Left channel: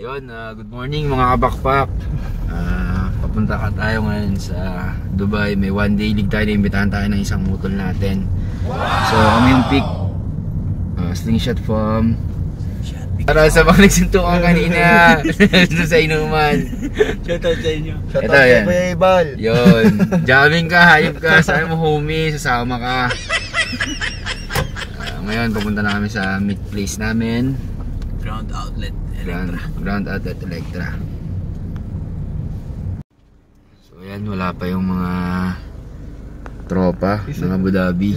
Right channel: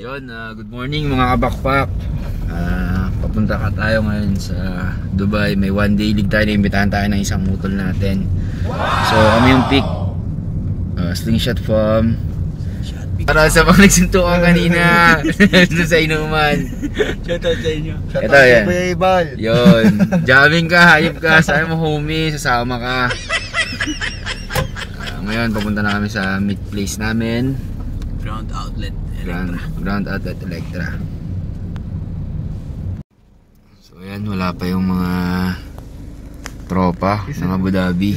Yun, good morning mga kabakpak. Papunta ka tayo ngayon sa Dubai. May one day league tayo, naimbitahan tayo ng isang mutol natin. So kami yung pick slingshot form para sa mga nagsuntukan kanina doon sa inuman. Shoutout sa inyo. Ito yan. Yun, jamming ka, hayop ka, sabi mo homie, sasama ka. Ngayon papunta na kami sa meet place namin. Ground outlet Electra. So ayan, wala pa yung mga tropa ng Abu Dhabi.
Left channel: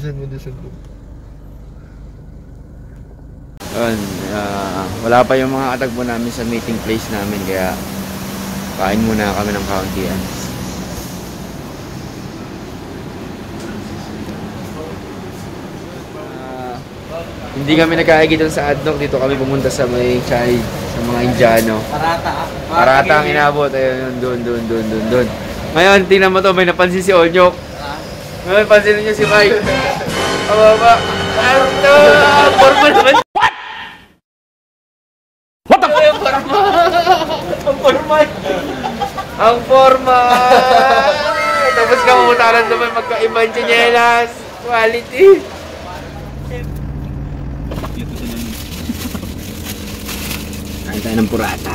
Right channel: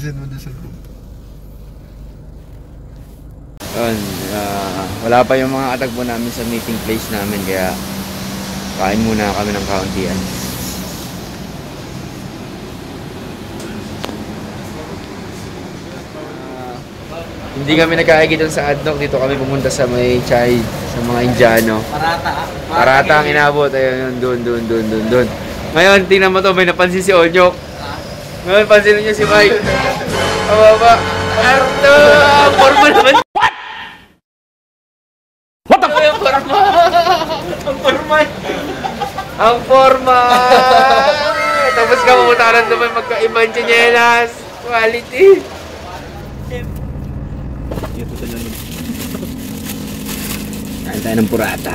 Yun, wala pa yung mga katagpo namin sa meeting place namin, kaya kain muna kami ng kauntian. Hindi kami nagkaigi doon sa Adnoc, dito kami pumunta sa may Chai, sa mga Indiano. Parata ang inabot, ayun, doon. Ngayon, tingnan mo to, may napansin si Onyok. Ngayon, pansinin niyo si Mike. Ababa. Ano to? Forma naman. What? What the fuck? Ang forma. Tapos ka mamutaran naman magkaibang chinelas. Quality. Kain tayo ng purata.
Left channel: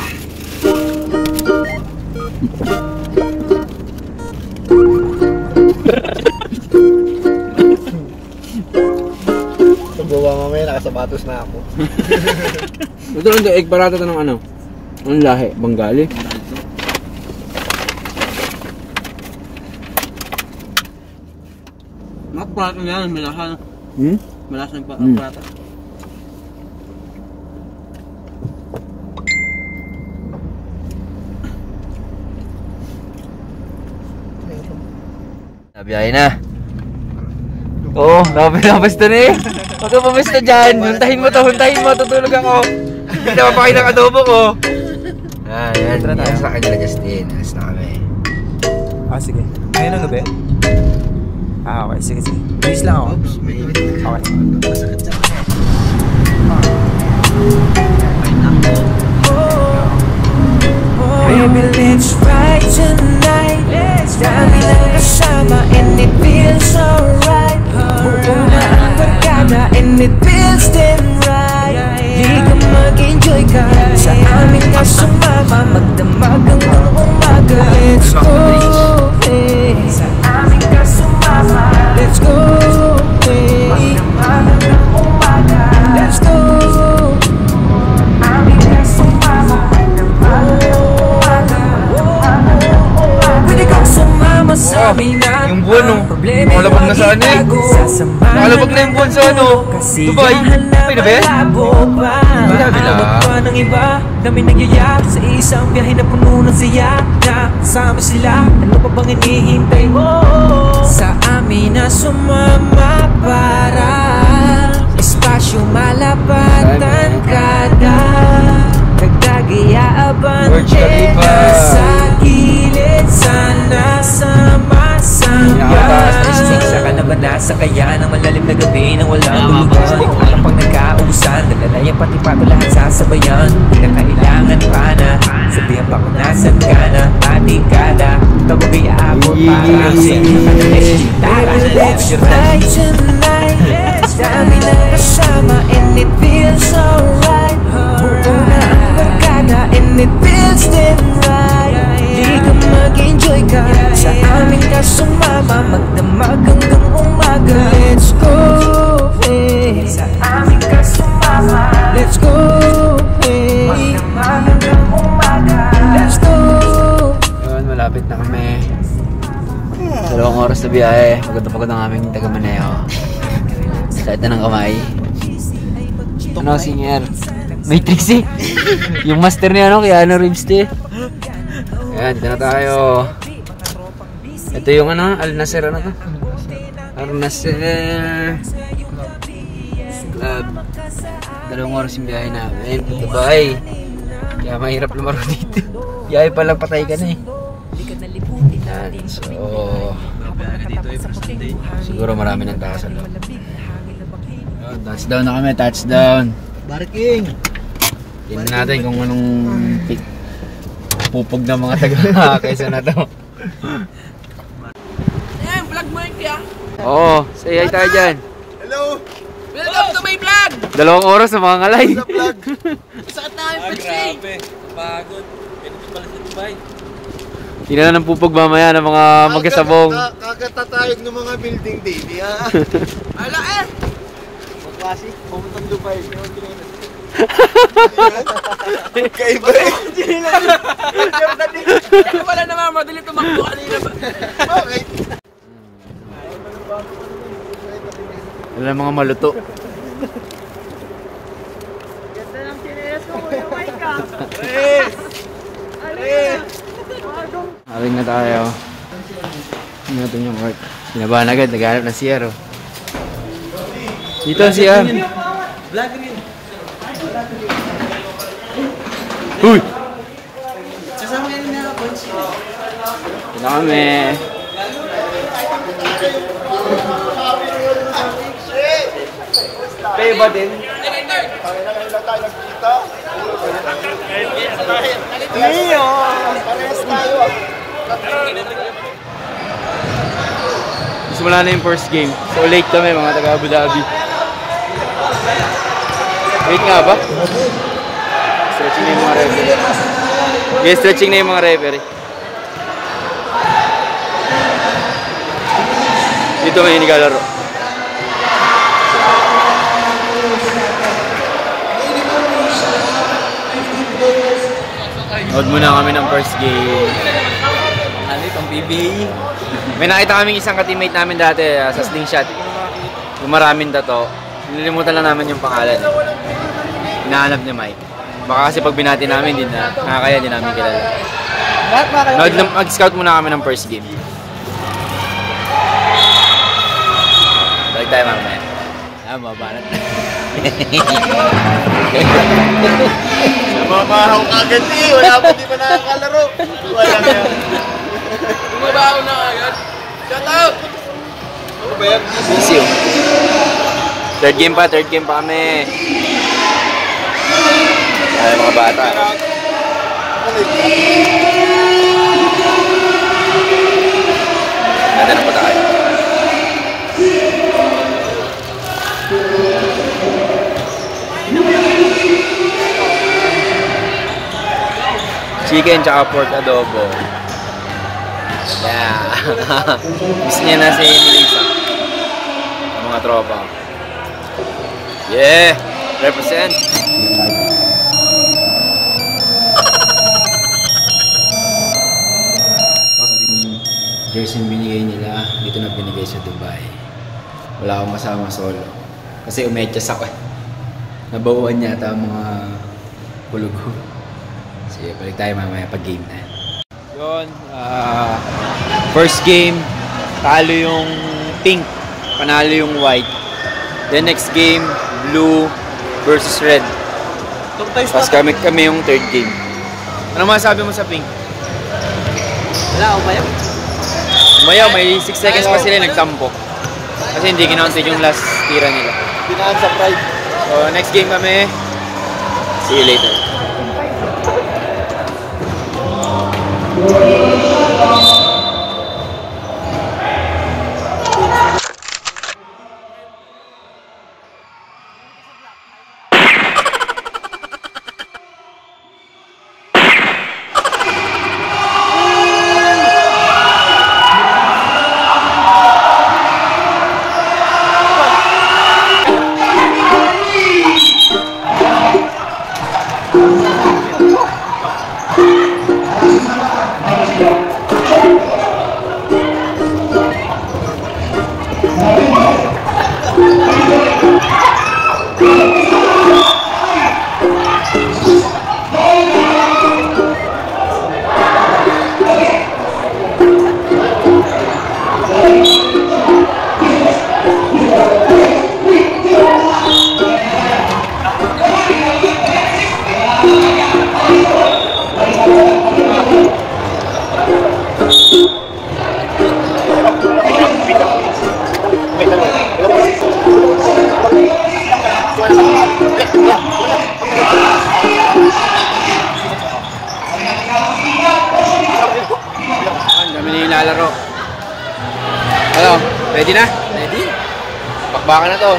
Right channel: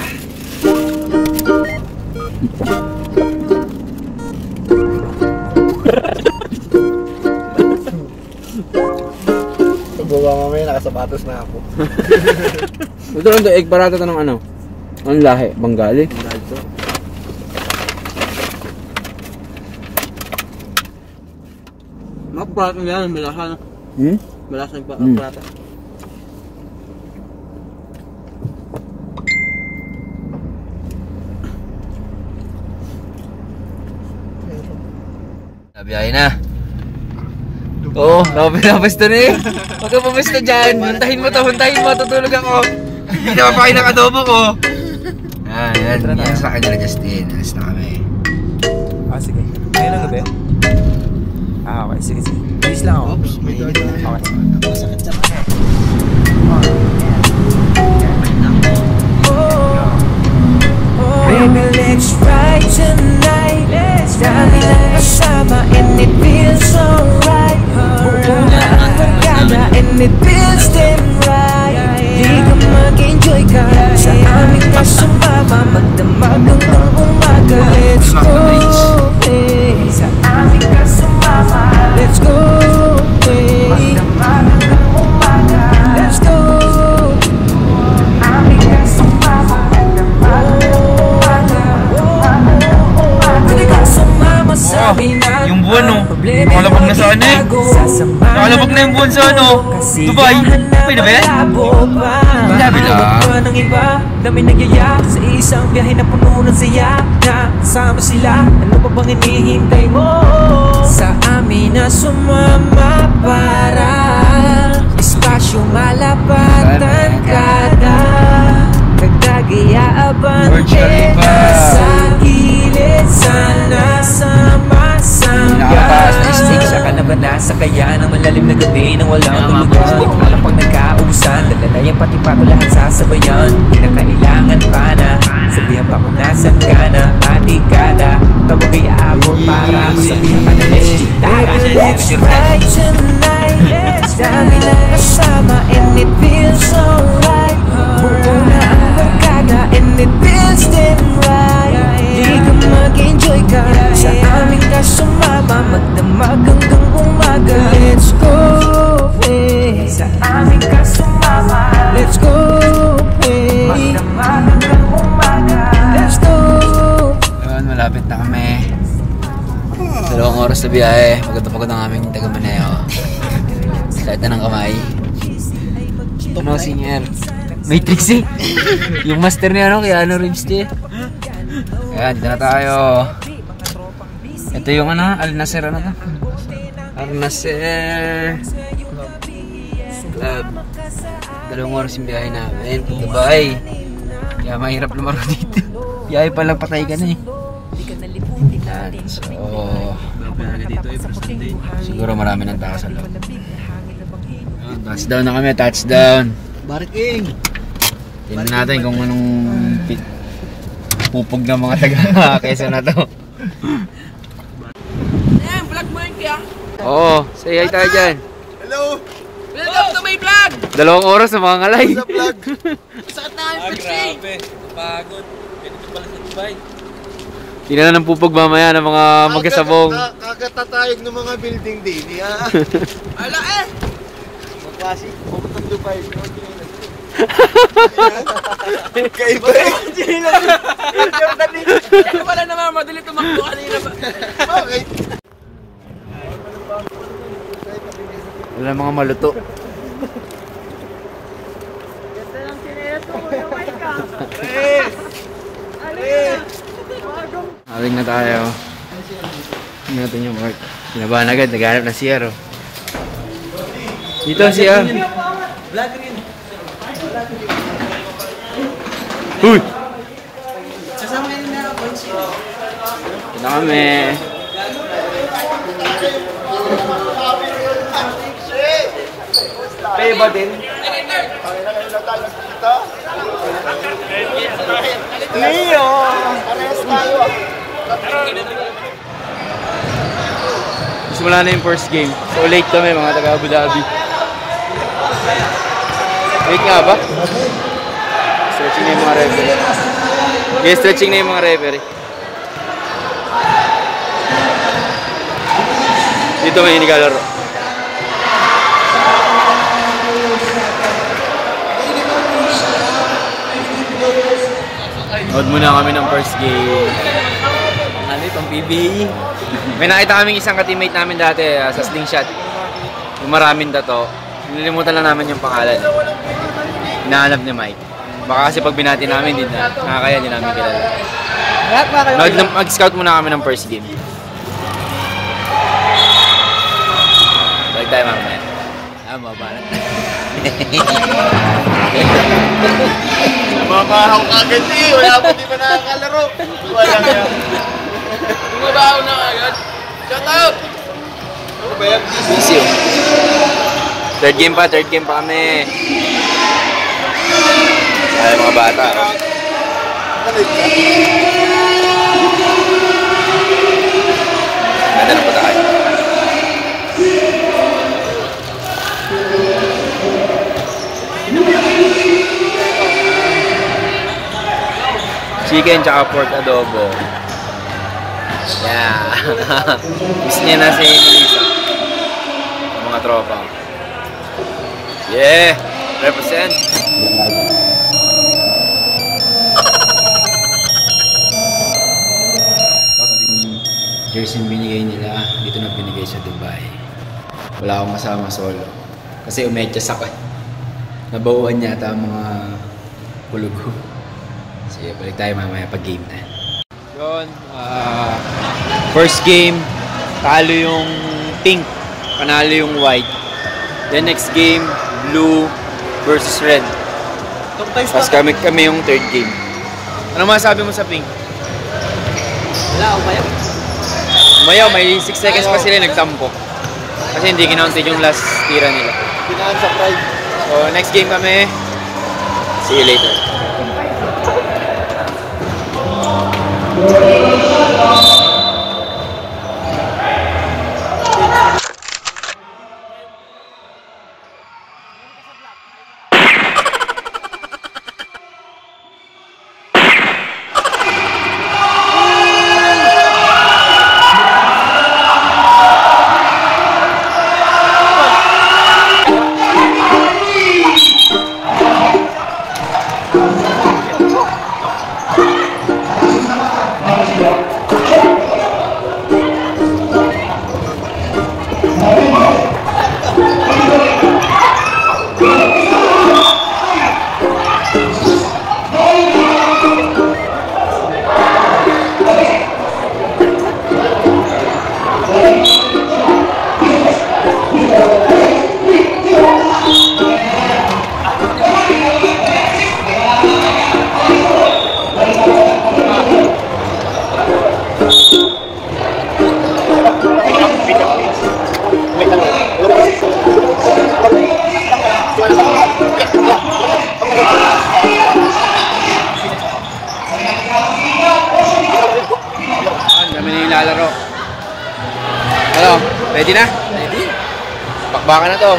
Pagbawa mamaya, nakasapatos na ako. Ito, egg parata to ng ano? Anong lahi? Bengali? Magparata yan, malasan. Malasan pa, magparata. Biyahe na. Oo, nakapilapasta na eh. Huwag ka pumista dyan. Huntahin mo, tutulog ako. Hindi na mapakain ng adobo ko. Yan, sa akin nila Justin. Alas na kami. Sige. Ngayon ang gabi? Okay, sige. Please lang ako. Oops, may init. Okay. Masakit sa Baby, let's ride tonight. Dami ng kasama and it feels alright. Buo na ang barkada and it feels damn right. Di ka mag-enjoy ka, sa amin ka sumama. Magdamag hanggang umaga. Let's go, hey. Sa amin ka sumama. Let's go, hey. Magdamag hanggang umaga. Let's go. Yung buwan no, nakalabag na sa ano eh. Nakalabag na yung buwan sa ano, Dubai. Pwede ba yan? Pwede lang. Dami nagyaya sa isang biyahe na puno ng saya. Nakasama sila, ano pa bang hinihintay mo? Sa amin na sumama para espasyo malapatan kada. Dagdagiyaaban sa gilid sana sama-sama. Sa kalaban na sa kaya ng malalim na gabi nang walang tulugan. Walang pag nagkaubusan, dalalayan pati pato lahat sasabayan. Di na kailangan pa na sabihan pa kung nasan ka na. Matikada, tawag ay aabot para masabihan ka na let's gitara. Let's ride tonight. Dami na kasama and it feels alright. Buo na ang barkada and it feels damn right. Di ka mag-enjoy ka, sa amin ka sumama. Magdamag hanggang umaga. Let's go, hey. Sa amin ka sumama. Let's go, hey. Magdamag hanggang umaga. Let's go. Yun, malapit na kami. 2 oras na biyahe. Pagod ang aming taga-Maneo. Sakit na ng kamay. Ano, senior? Matrix eh. Yung master niya ano, kaya ano Reeves eh. Ayan, dito na tayo. Ito yung ano, Al Nasser ano to? Al Nasser Club. 2 oras yung biyahe namin. Dubai. Kaya mahirap lumaro dito. Biyahe pa lang, patay ka na eh. Ayan, so siguro marami ng tao sa loob. Touchdown na kami, touchdown. Barking! Tingnan natin kung anong pupog ng mga taga Quezon na to. Vlog mo yung kaya? Oo, say hi tayo dyan. Hello! Welcome to my vlog! 2 oras sa mga ngalay. Saan tayo first Grabe, pagod. Ganito pala sa Dubai. Tingnan na ng pupog mamaya ng mga magkasabong. Kakatatayog ng mga building din. Ala eh! Sa classic, pumunta Dubai. Kaiba eh. Ano pala naman, madali tumakbo kanina ba? Okay. Wala mga maluto. Aling na tayo. Tingnan natin yung work. Sinabahan agad, naghanap ng CR. Oh. Dito ang CR. Uy! Kasama yun na points. Ito na kami. Kayo ba din? Parehas tayo. Simula na yung first game. So late kami mga taga Abu Dhabi. Late nga ba? Stretching na yung mga referee. Okay, stretching na yung mga referee. Dito may inigalaro. Nood muna kami ng first game. Ano itong BBA? May nakita kaming isang ka-teammate namin dati sa slingshot. Yung maraming tato. Nililimutan lang namin yung pangalan. Hinahanap ni Mike. Baka kasi pag binati namin, hindi na. Nakakaya din namin kilala. Mag-scout muna kami ng first game. Balik tayo mamaya. Mabanat. Namamahaw ka agad eh. Wala po di pa nakakalaro. Wala kaya. Bumabaho na agad. Shout out! Busy oh. Third game pa kami. Ay mga bata. Ganda ng patay. Chicken tsaka pork adobo. Yeah. Miss niya na si Melissa. Ang mga tropa. Yeah. Represent. Jersey yung binigay nila, dito na binigay sa Dubai. Wala akong kasama solo. Kasi umetyas ako. Nabawaan yata ang mga kulugo. Sige, balik tayo mamaya pag game na. Yun, first game, talo yung pink, panalo yung white. Then next game, blue versus red. Tapos kami yung third game. Ano masabi mo sa pink? Wala ako ba yun? Umayaw, may 6 seconds pa sila nagtampo. Kasi hindi kinounted yung last tira nila. Pinaan sa pride. So next game kami. See you later. Kami na yung lalaro. Ano? Ready na? Ready. Bakbakan na to.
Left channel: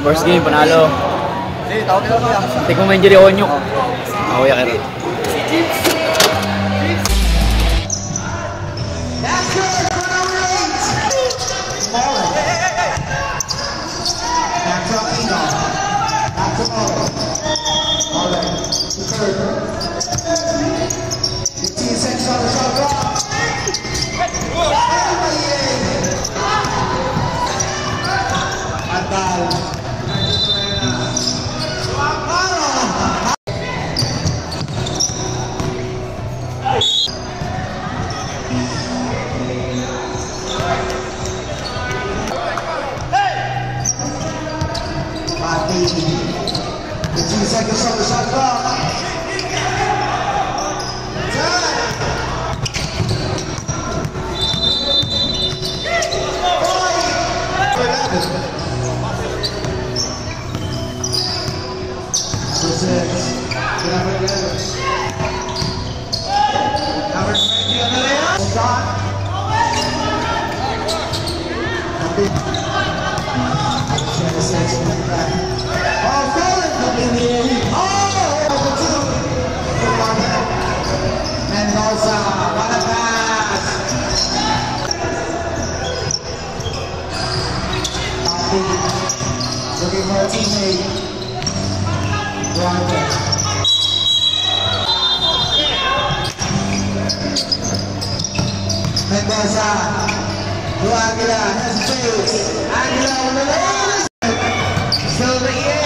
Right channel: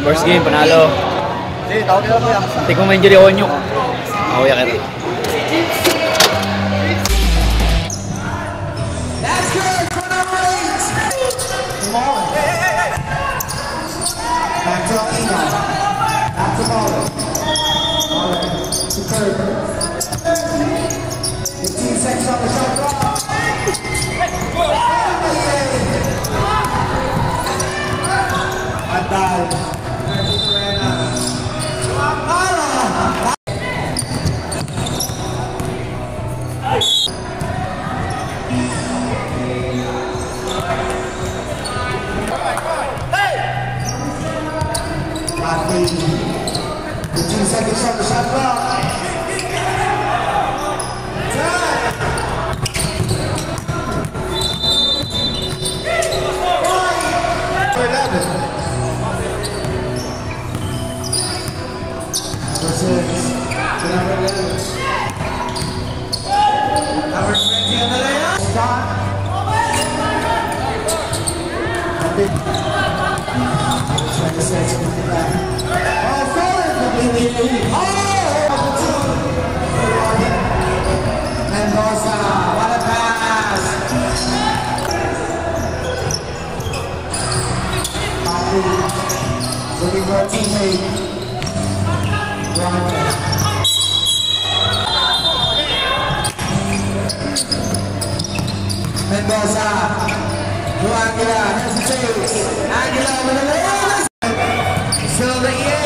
First game, panalo. Hindi ko ma-injury ako nyo. Ako ya kaya. Looking for a teammate. Mendoza, Aguila hesitates. Aguila with the lead. Still the A.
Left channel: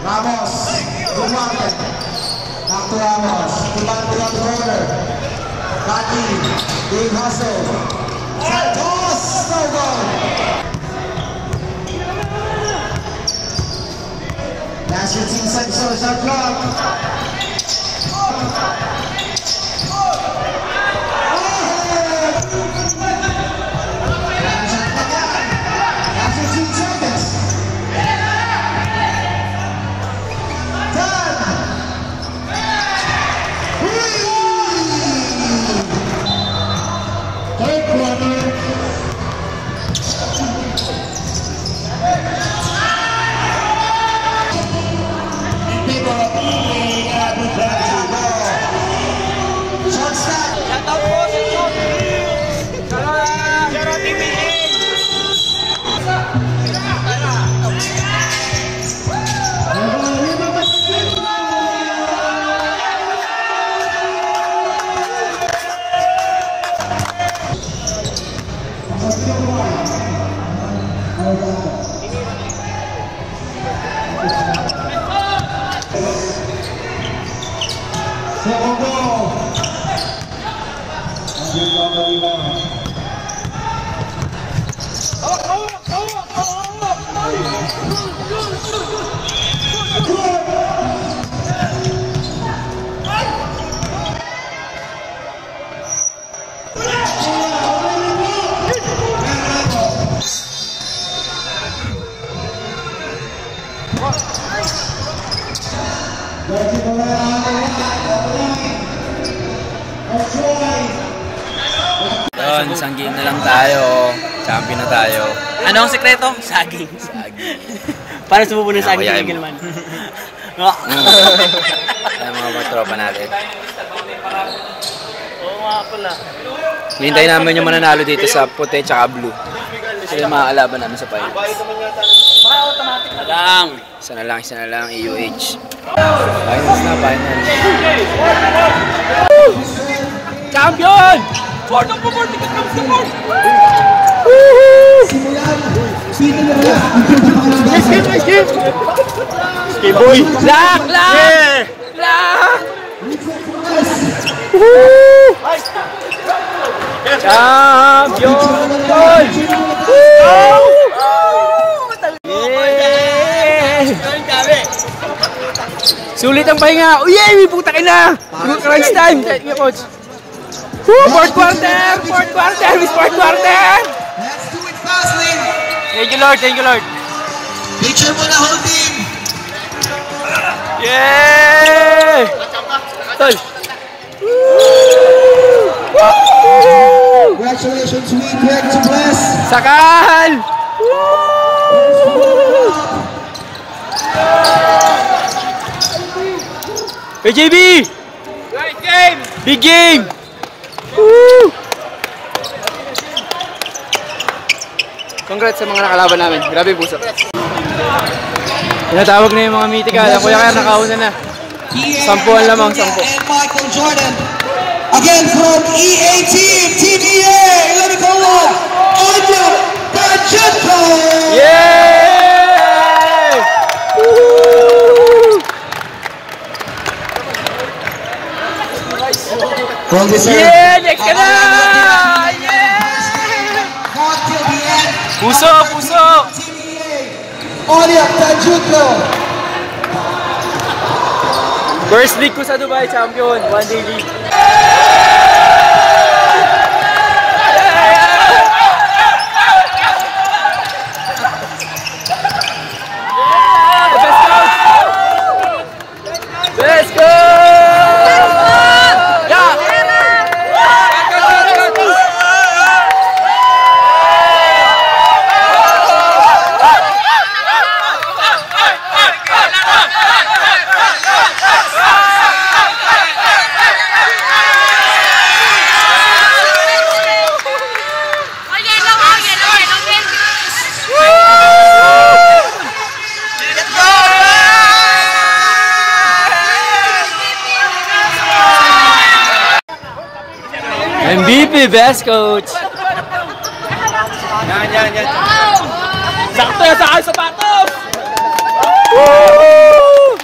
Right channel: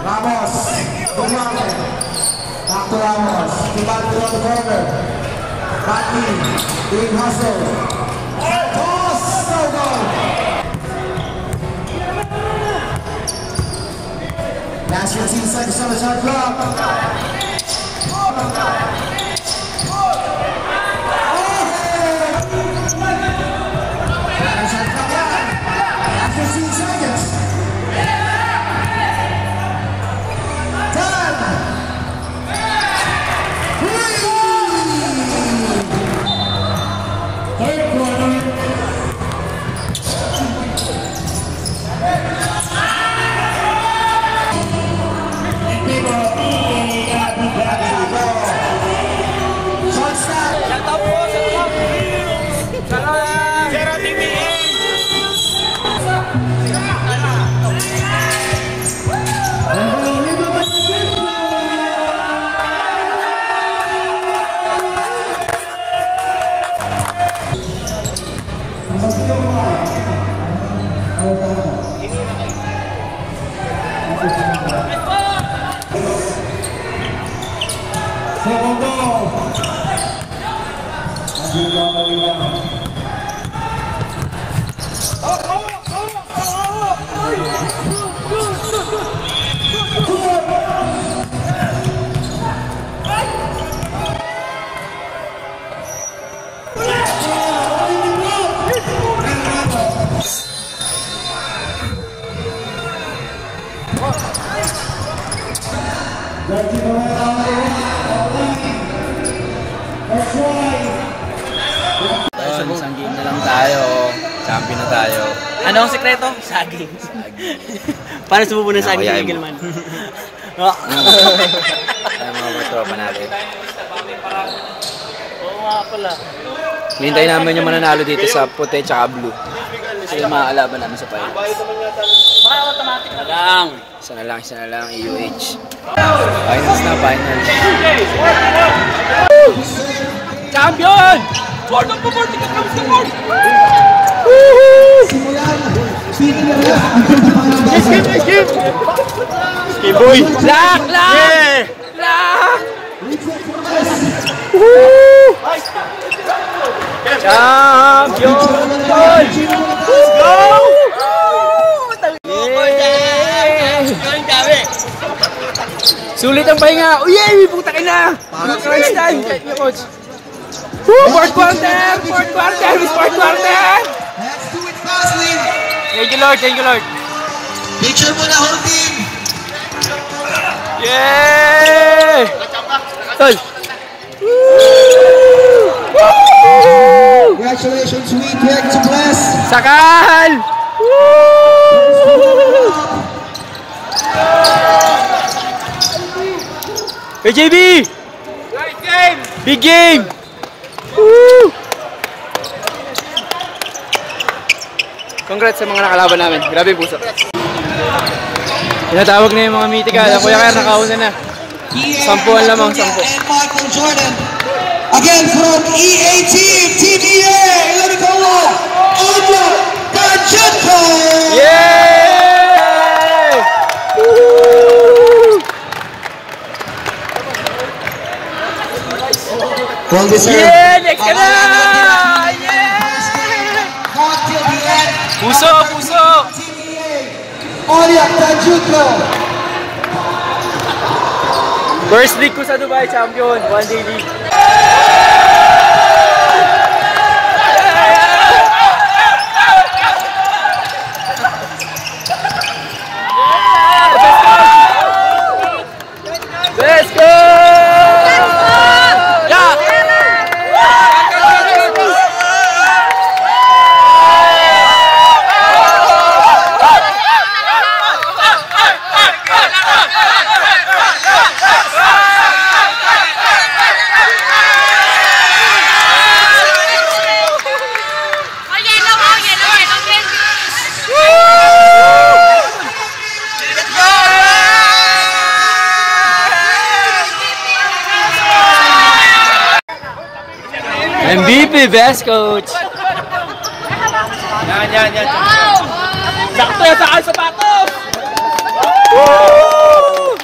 Ramos, good one. Back to Ramos, to back to the corner. Baki, big hustle. Toss, last 15 seconds on the shot clock. Last 15 seconds. third quarter. Yun, isang game na lang tayo. Champion na tayo. Ano ang sekreto? Saging. Saging. Paano sumubo ng saging Ako, kay yain. Gilman? Kaya mga tropa natin. Oo nga pala. Hintayin namin yung mananalo dito sa puti tsaka blue. Kasi yung mga kalaban namin sa finals. Isa na lang, EUH. Finals na, finals. Champion! Boy! Lock! Lock! Champion! Go! Sulit ang pahinga. Uy, puta ka na. Crunch time. Fourth quarter. Fourth quarter. Let's do it fastly. Thank you, Lord. Picture mo na holding. Yay! Congratulations, we Greg to bless. Sakal! Hey, JB! Big game! Woo! Congrats sa mga nakalaban namin. Grabe yung puso. Tinatawag na yung mga mythical. Ang Kuya Kaya nakauna na. 10 lamang, 10. And Michael Jordan. Again from EA Team, TDA, Liverpool, Aldo Darchenko. Yay! Woo! Well deserved. Yeah! Next ka na! Yeah! Not till the end. Puso! TDA, Aldo Darchenko. First league ko sa Dubai, champion. One day league. Let's go! MVP, best coach. Yan. Sakto yan sa sapatos. Woo!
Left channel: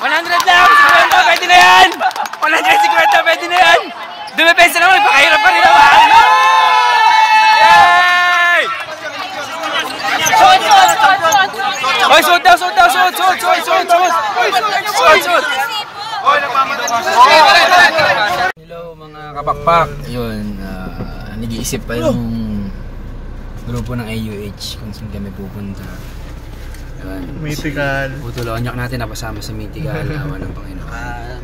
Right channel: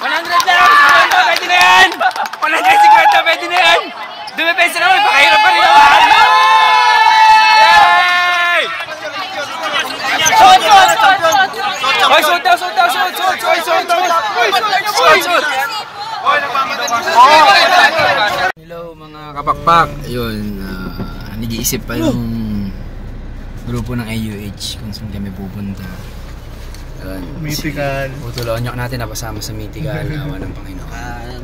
100 lang, 50, pwede na yan. 150, pwede na yan. Dumipensa naman, pakahirap pa rin naman. Yay! Shoot! Hello mga kapakpak. Ayun, nag-iisip pa yung grupo ng AUH kung saan kami pupunta. Ayun, Mythical. Utulonyok natin napasama sa Mythical. Awa ng Panginoon.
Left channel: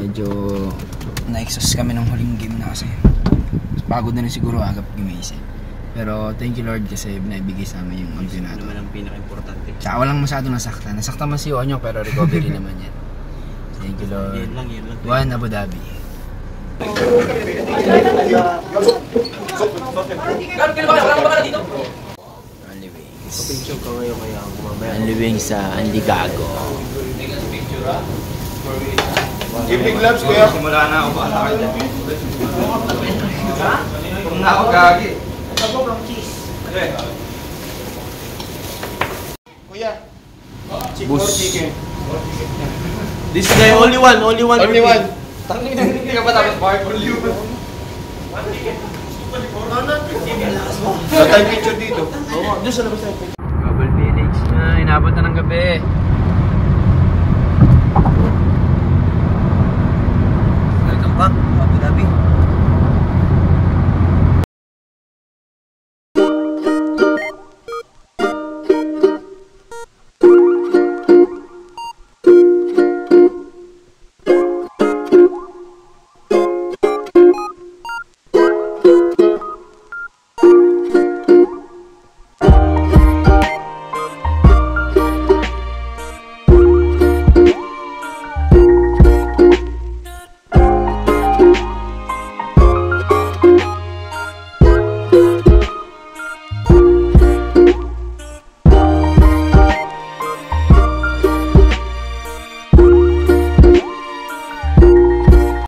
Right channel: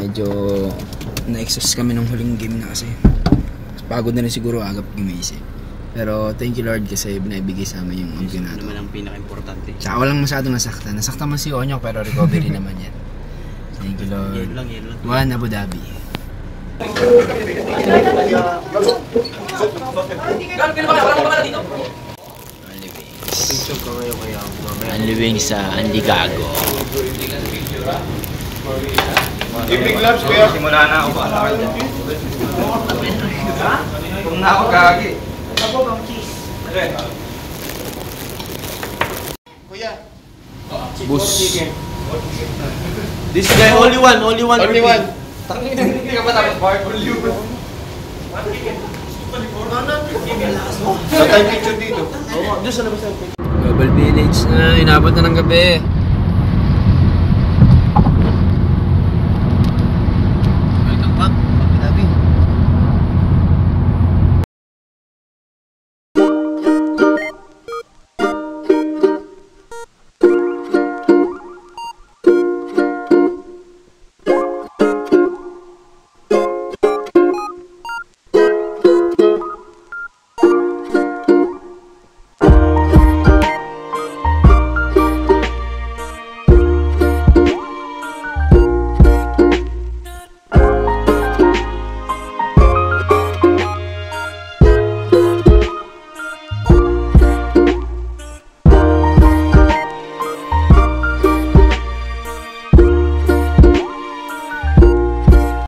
Medyo na-exhaust kami ng huling game na kasi. Pagod na rin siguro agap gumising. Pero thank you Lord kasi binibigay sa amin yung campeonato. Naman ang pinaka-importante. Tsaka walang masyadong nasaktan. Nasaktan man si Onyok pero recovery naman yan. Thank you Lord. Yan lang. One Abu Dhabi. Only wings sa Anligago. Big gloves kuya. Simula na ako. Kung na ako gagi. Kuya. Bus. This guy, only one. Only one. Hindi ka ba tapos bar? Tatay picture dito. Global Village na, inabot na ng gabi.